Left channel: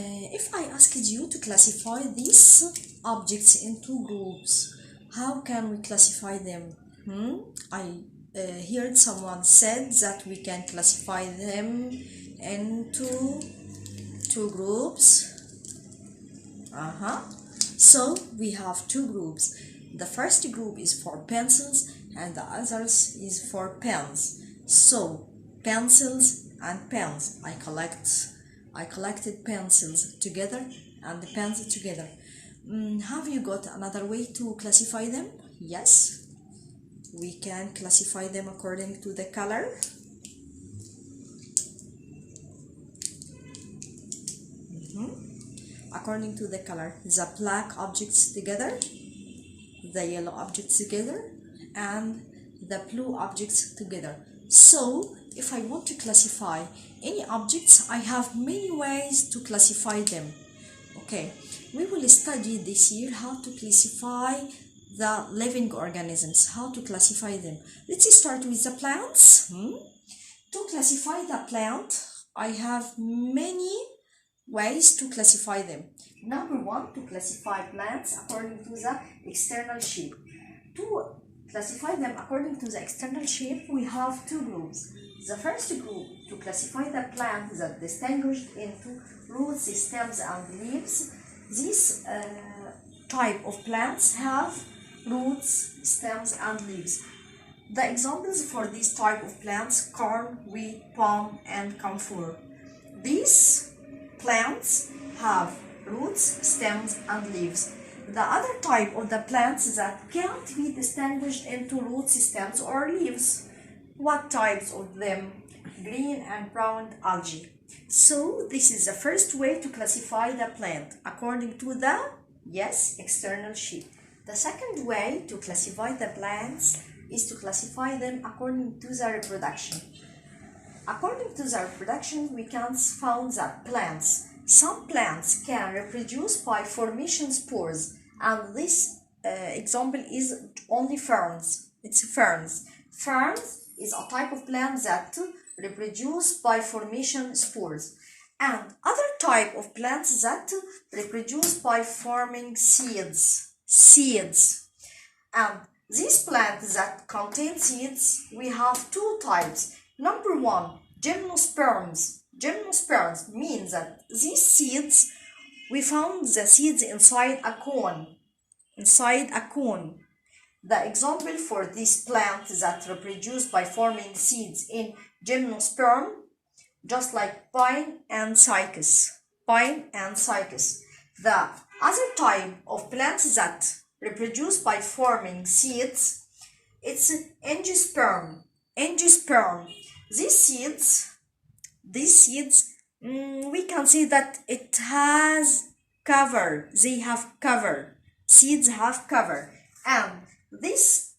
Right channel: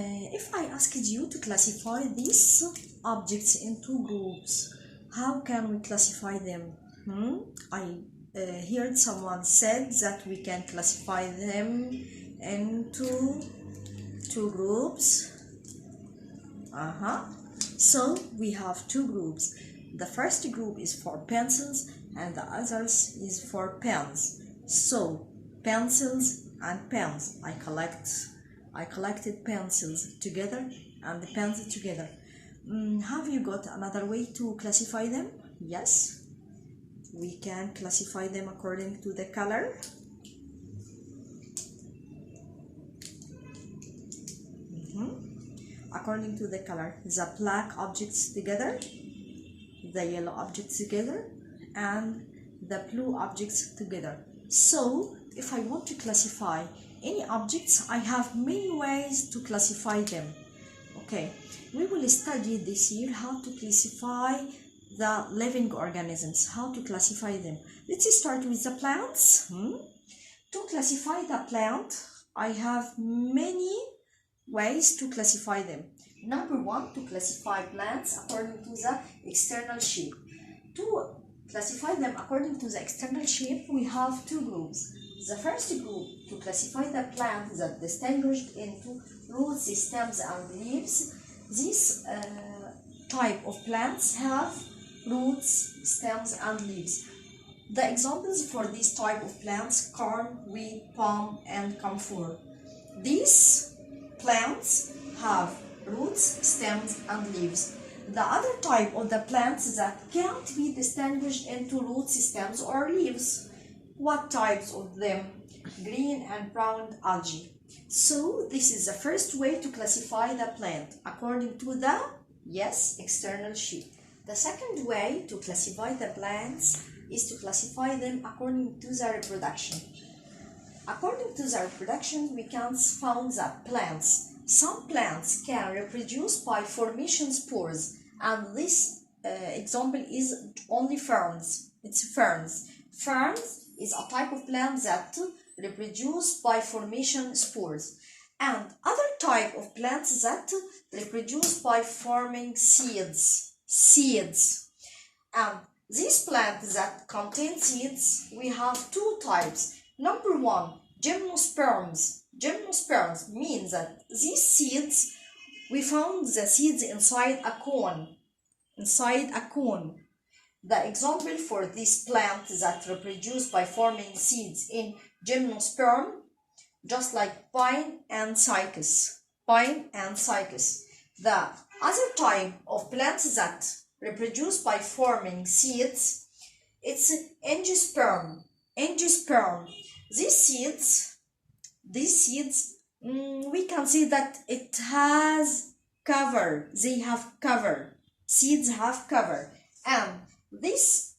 If I asked you to classify these objects into groups, how can we classify them? I heard someone said that we can classify them into two groups. So we have two groups. The first group is for pencils and the others is for pens. So pencils and pens. I collected pencils together and the pens together. Have you got another way to classify them? Yes, we can classify them according to the color. According to the color, the black objects together, the yellow objects together, and the blue objects together. So if I want to classify any objects, I have many ways to classify them. Okay, we will study this year how to classify the living organisms, how to classify them. Let's start with the plants. To classify the plant, I have many ways to classify them. Number one, to classify plants according to the external shape. To classify them according to the external shape, we have two groups. The first group, to classify the plant that distinguished into roots, stems, and leaves. These type of plants have roots, stems, and leaves. The examples for this type of plants: corn, wheat, palm, and camphor. These plants have roots, stems, and leaves. The other type of the plants that can't be distinguished into roots, stems, or leaves. What types of them? Green and brown algae. So this is the first way to classify the plant according to the external shape. The second way to classify the plants is to classify them according to their reproduction. According to their reproduction, we can find that some plants can reproduce by formation spores, and this example is only ferns. It's ferns. Ferns is a type of plant that reproduce by formation spores, and other type of plants that reproduce by forming seeds. And these plants that contain seeds, we have two types. Number one, gymnosperms. Gymnosperms means that these seeds, we found the seeds inside a cone. The example for this plant that reproduce by forming seeds in gymnosperm, just like pine and cycas. The other type of plants that reproduce by forming seeds, it's angiosperm. These seeds, we can see that it has cover. They have cover. Seeds have cover. And these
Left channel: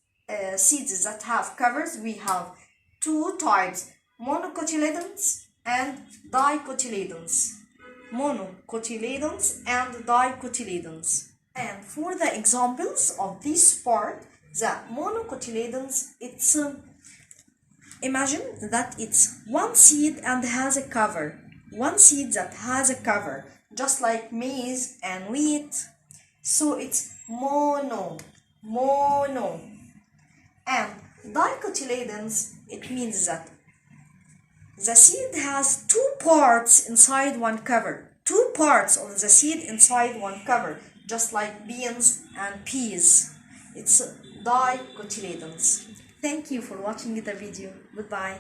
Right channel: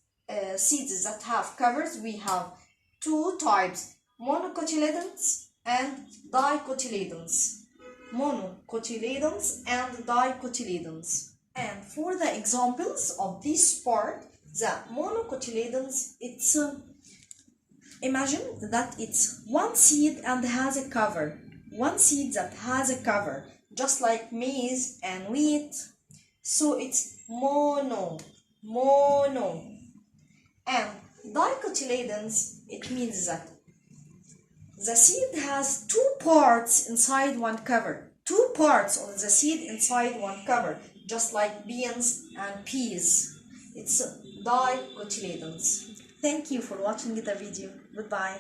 seeds that have covers, we have two types: monocotyledons and dicotyledons. And for the examples of this part, the monocotyledons, it's imagine that it's one seed and has a cover. One seed that has a cover, just like maize and wheat. So it's mono. And dicotyledons, it means that the seed has two parts inside one cover. Two parts of the seed inside one cover, just like beans and peas. It's dicotyledons. Thank you for watching the video. Goodbye.